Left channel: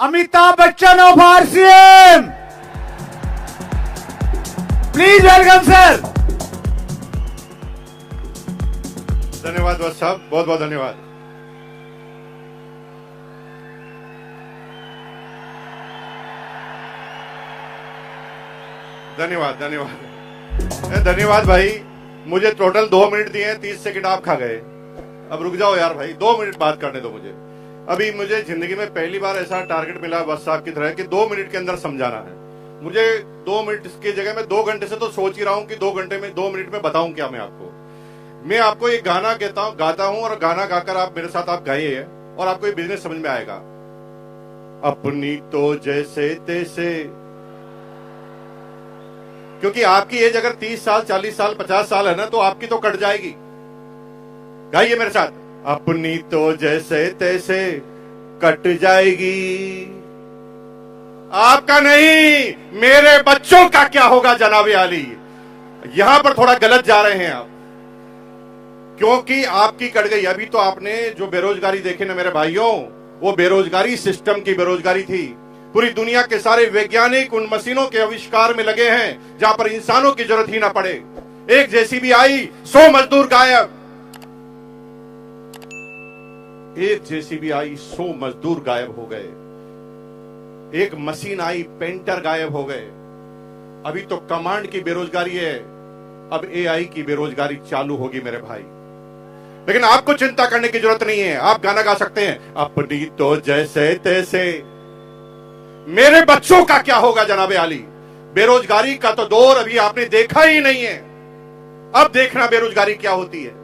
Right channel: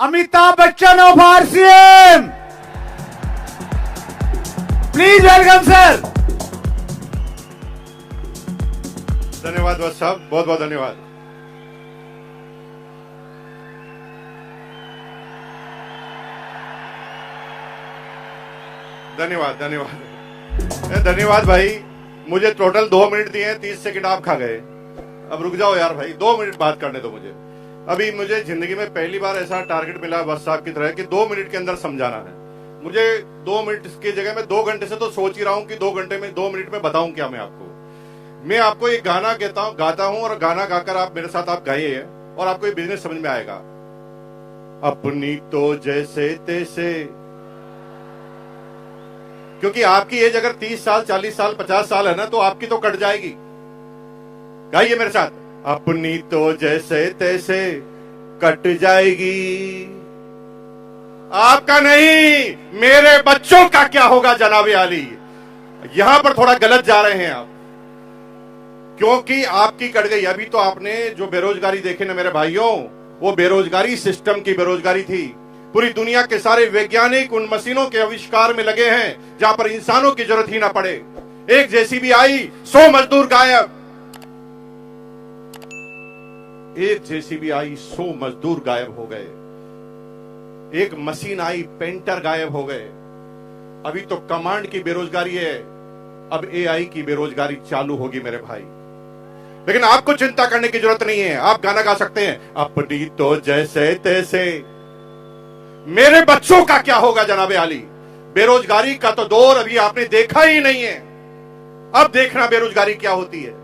Amitabh Bachchan of RCM, please welcome sir. धन्यवाद बस साहब, बहुत बहुत धन्यवाद। धन्यवाद धन्यवाद धन्यवाद भाई। मुझे टोटल 2 मिनट दिए, 30 सेकंड आप खा गए। अब रुक जाओ यार भाई, 2 मिनट बात करने दो मुझे। अभी मुझे जिंदगी में पहली बार ऐसा टारगेट मिला बस साहब की तरह कि 2 मिनट के अंदर समझाना है। मुझे 2 मिनट की जगह मैं 2 घंटे से तो सोच ही रहा हूं कि 2 घंटे में 2 मिनट में बताऊं क्या मैं आपको एक गाना गाता हूं और गाना गाकर आप मेरे साथ आप गाइए और आपको ये बिजनेस समझ में आएगा। अपनी तो जैसे तैसे, क्योंकि आपकी एज अगर 30 साल 40 साल 50 साल है ना, तो आपकी तो कट जाएगी। गाइए मेरे साथ, अपनी तो जैसे तैसे कट जाएगी, आपका नहीं मेरे बच्चों का क्या होगा जनाबे आली। यहां पर थोड़ा गलत जा रहे हैं आप, क्योंकि आपकी कट गई। अभी तो आपने जो बेरोजगारी देखी ना मेरे भाइयों, वो बेरोजगारी सिस्टम की बेरोजगारी थी। पूरी दुनिया के सारे वैज्ञानिक उन मशीनों के आविष्कार में लगे हैं जहां पर इंसानों की जरूरत ही ना पड़े। एक जेसीबी आई, 100 मजदूर गायब। एक जेसीबी आई, 100 मजदूर गायब हो गए। एक मशीन आई, पेंटर गायब हो गए। अभी तो कमांड की बेरोजगारी है, अब एआई की बेरोजगारी चालू होगी मेरे भाई। लेकिन आपको चिंता करने की जरूरत नहीं है। आप गाना गा सकते हैं, अपनी तो जैसे तैसे मेरे बच्चों का क्या होगा जनाबे आली। बेरोजगारी का तो दौर अभी आपने देखा ही नहीं है, अब देखना बेरोजगारी क्या होती है।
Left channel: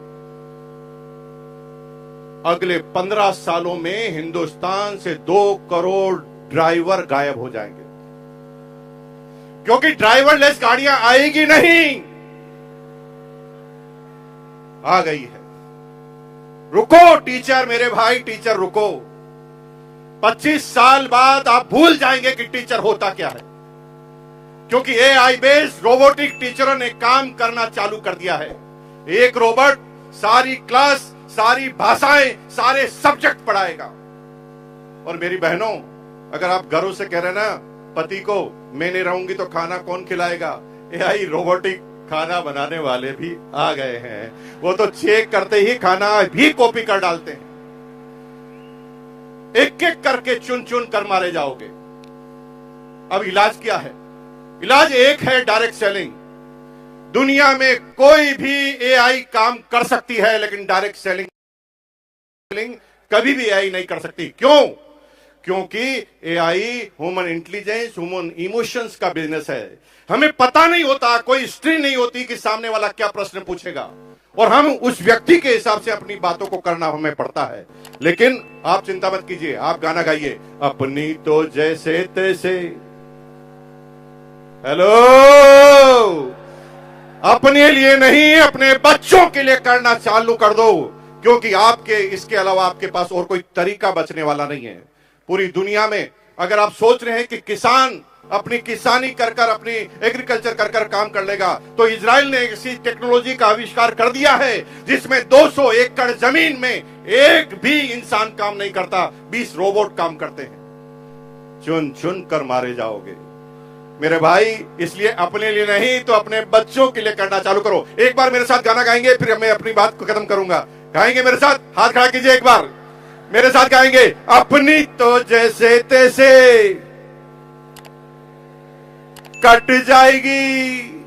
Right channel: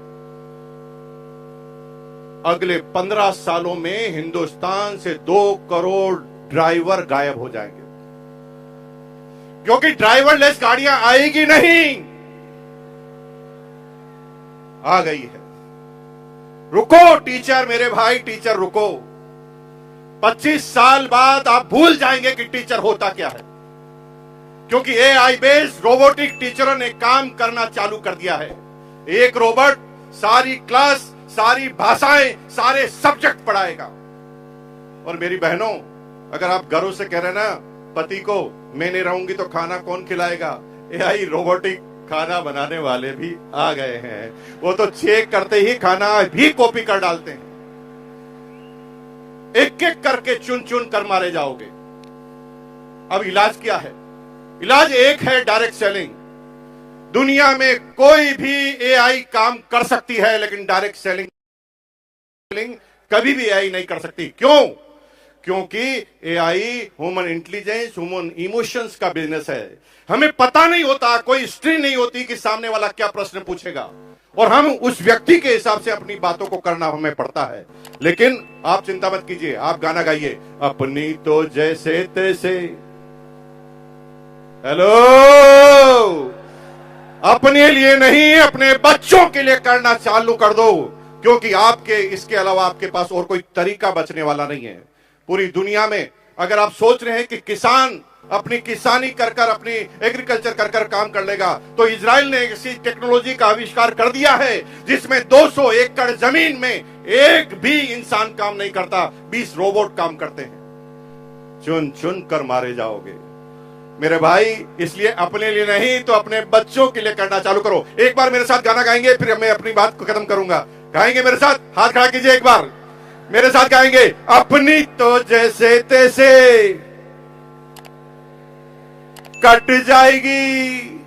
अगले 15 सालों में हिंदुस्तान से 2 करोड़ ड्राइवर गायब हो जाएंगे, क्योंकि ड्राइवरलेस गाड़ियां आएगी नहीं। आ गई है। रुको टीचर, मेरे भाई टीचर रुको। 25 साल बाद आप भूल जाएंगे कि टीचर होता क्या है, क्योंकि एआई बेस्ड रोबोटिक टीचरों ने काम करना चालू कर दिया है। एक रोबोट सारी क्लास, सारी भाषाएं, सारे सब्जेक्ट पढ़ाएगा। और मेरी बहनों, अगर आप घरों से कह रहे ना पति को मैं नहीं रहूंगी तो खाना कौन खिलाएगा, एआई रोबोटिक खाना बनाने वाले भी आ गए हैं। वो तो चेक करते ही खाना भी कॉपी कर डालते हैं। एक एक करके चुन चुन कर मारे जाओगे। अब इलाज क्या है? इलाज एक है, डायरेक्ट सेलिंग। दुनिया में कोई भी एआई काम कर सकती है, लेकिन डायरेक्ट सेलिंग कभी भी एआई नहीं कर सकती। क्यों? क्योंकि AI human intelligence, human emotions का बिजनेस है। हमें पता नहीं होता, कोई स्ट्रिंग नहीं होती कि सामने वाला क्या प्रश्न पूछेगा, और हम उस व्यक्ति के हिसाब से अपनी बातों को करना हमें पड़ता है। लेकिन आप चिंता मत कीजिए, आप गाना गाइए, अपनी तो जैसे तैसे। हेलो, अपने लिए नहीं, अपने बच्चों के लिए करना चालू कर दो, क्योंकि आपके इसके अलावा आपके पास और कोई तरीका बचने वाला नहीं है। पूरी दुनिया में अगर आप सोच रहे हैं कि किसान अपनी किसानी कर कर, अपनी एग्रीकल्चर कर कर काम कर लेगा, तो इजराइल ने ऐसी टेक्नोलॉजी का आविष्कार कर दिया है जिसमें 200 एकड़ जमीन में एक भी इंसान काम नहीं करता, 20 रोबोट काम करते हैं। चुन चुन कर मारे जाओगे मेरे भाई। इसलिए अपने लिए नहीं तो अपने बच्चों के लिए करना चालू करो। एक बार मेरे साथ गाना गाएंगे, फिर मैं अपनी बात को खत्म करूंगा। गाएंगे मेरे साथ? हाथ खड़ा कीजिए, एक बार मेरे साथ गाएंगे, अपनी तो जैसे तैसे कट जाएगी,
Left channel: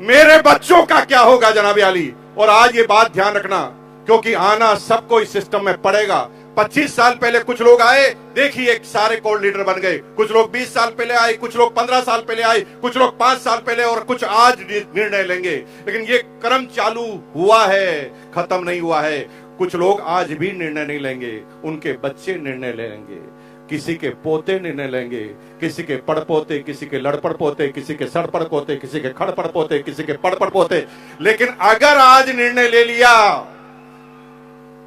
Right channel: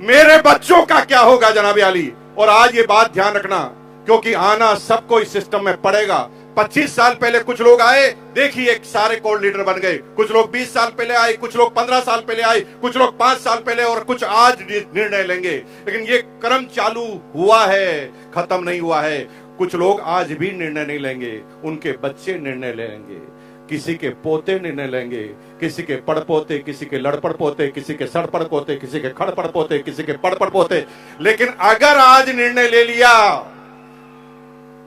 मेरे बच्चों का क्या होगा जनाबे आली। और आज ये बात ध्यान रखना, क्योंकि आना सबको इस सिस्टम में पड़ेगा। 25 साल पहले कुछ लोग आए, देखिए सारे कोर लीडर बन गए। कुछ लोग 20 साल पहले आए, कुछ लोग 15 साल पहले आए, कुछ लोग 5 साल पहले, और कुछ आज निर्णय लेंगे। लेकिन ये क्रम चालू हुआ है, खत्म नहीं हुआ है। कुछ लोग आज भी निर्णय नहीं लेंगे, उनके बच्चे निर्णय लेंगे, किसी के पोते निर्णय लेंगे, किसी के पड़पोते, किसी के लड़पड़ पोते, किसी के सड़पड़ पोते, किसी के खड़पड़ पोते, किसी के पड़पड़ पोते। लेकिन अगर आज निर्णय ले लिया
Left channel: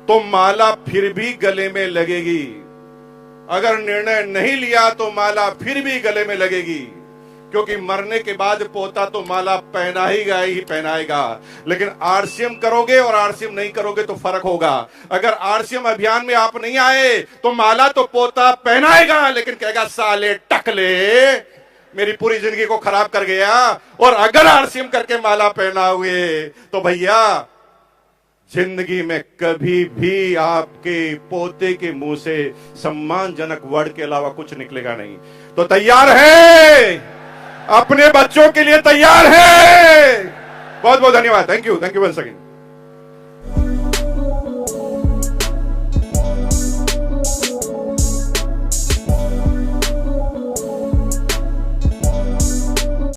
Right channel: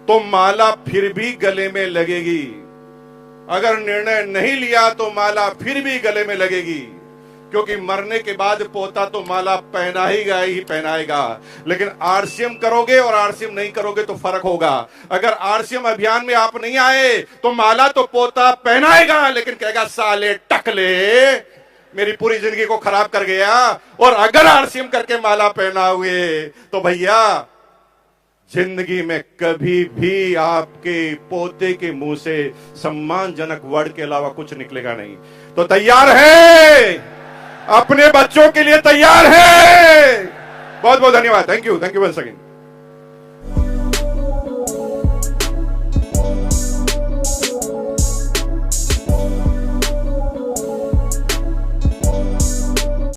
तो माला फिर भी गले में लगेगी। अगर निर्णय नहीं लिया तो माला फिर भी गले में लगेगी। क्योंकि मरने के बाद पोता तो माला पहनाएगा, लेकिन आरसीएम करोगे और आरसीएम नहीं करोगे तो फर्क होगा। अगर आरसीएम अभियान में आप नहीं आए तो माला तो पोता पहनाएगा, लेकिन कहेगा साले टकले मेरी पूरी जिंदगी को खराब कर गया। और अगर आरसीएम करके माला पहनाओगे तो भैया जिंदगी में कभी भी आपके पोते के मुंह से सम्मानजनक वर्ड के अलावा कुछ निकलेगा नहीं। तो तैयार है? अपने बच्चों के लिए तैयार है? बहुत बहुत धन्यवाद। Thank you once again.